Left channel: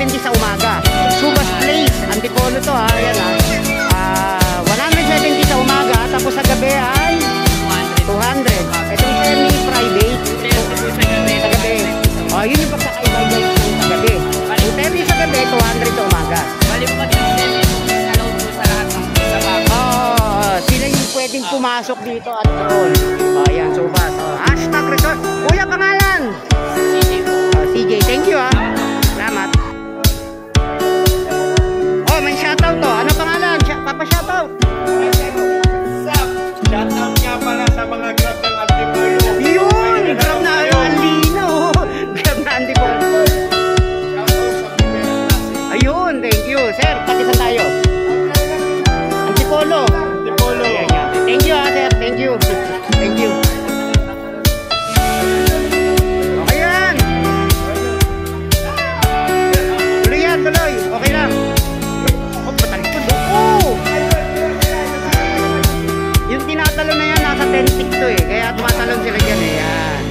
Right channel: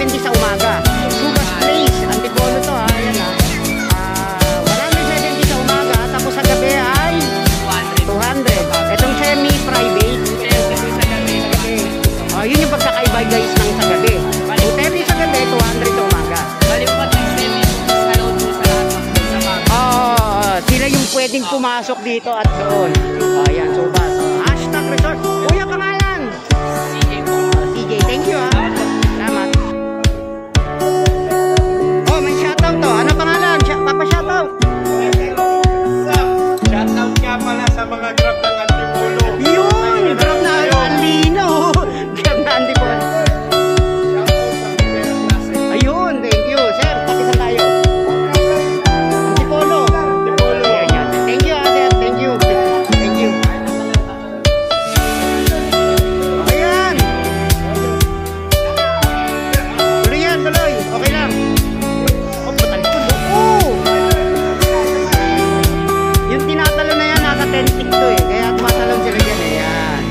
170 sa umaga. Subas Place, Antipolo to ha. Ayan ha. 170 sa umaga. Tapos sa gabi ay 200. Itong semi-private. Sa gabi. Yun yung pagkakaiba guys ng sa gabi. 230 sa gabi, 200 sa umaga. Bali mo pag semi allowed po sa lahat ng sila yung pwedeng pumasok dito at doon. Ayan, Subas. Hashtag resort. Kuya, pangalan? CJ po. CJ, thank you ha. Salamat. May shoutout to. Ano pangalan? Papa shoutout. Shoutout nga pala sa mga grab ng Antipolo. Yun! Grab na Alino. Grab na Antipolo. Shoutout sa primera klase. Ayun, thank you. Sir, takisan tayo. Antipolo. Ayan yan. Thank you ha, sir. Thank you. Thank you. Okay yan. Tuloy yan, tuloy. Okay lang. Matalikod. Yung tinatalo na yan, nasa 10 tick to eh. Kaya tumatalon sila dyan eh. Yan.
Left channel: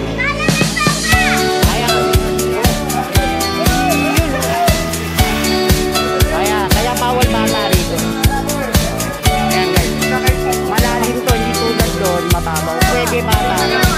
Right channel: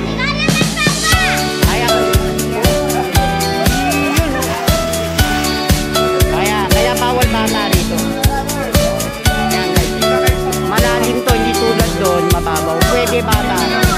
Kaya bawal bata rito. Ayan guys. Malalim to, hindi tulad doon, mababaw. Pwede bata.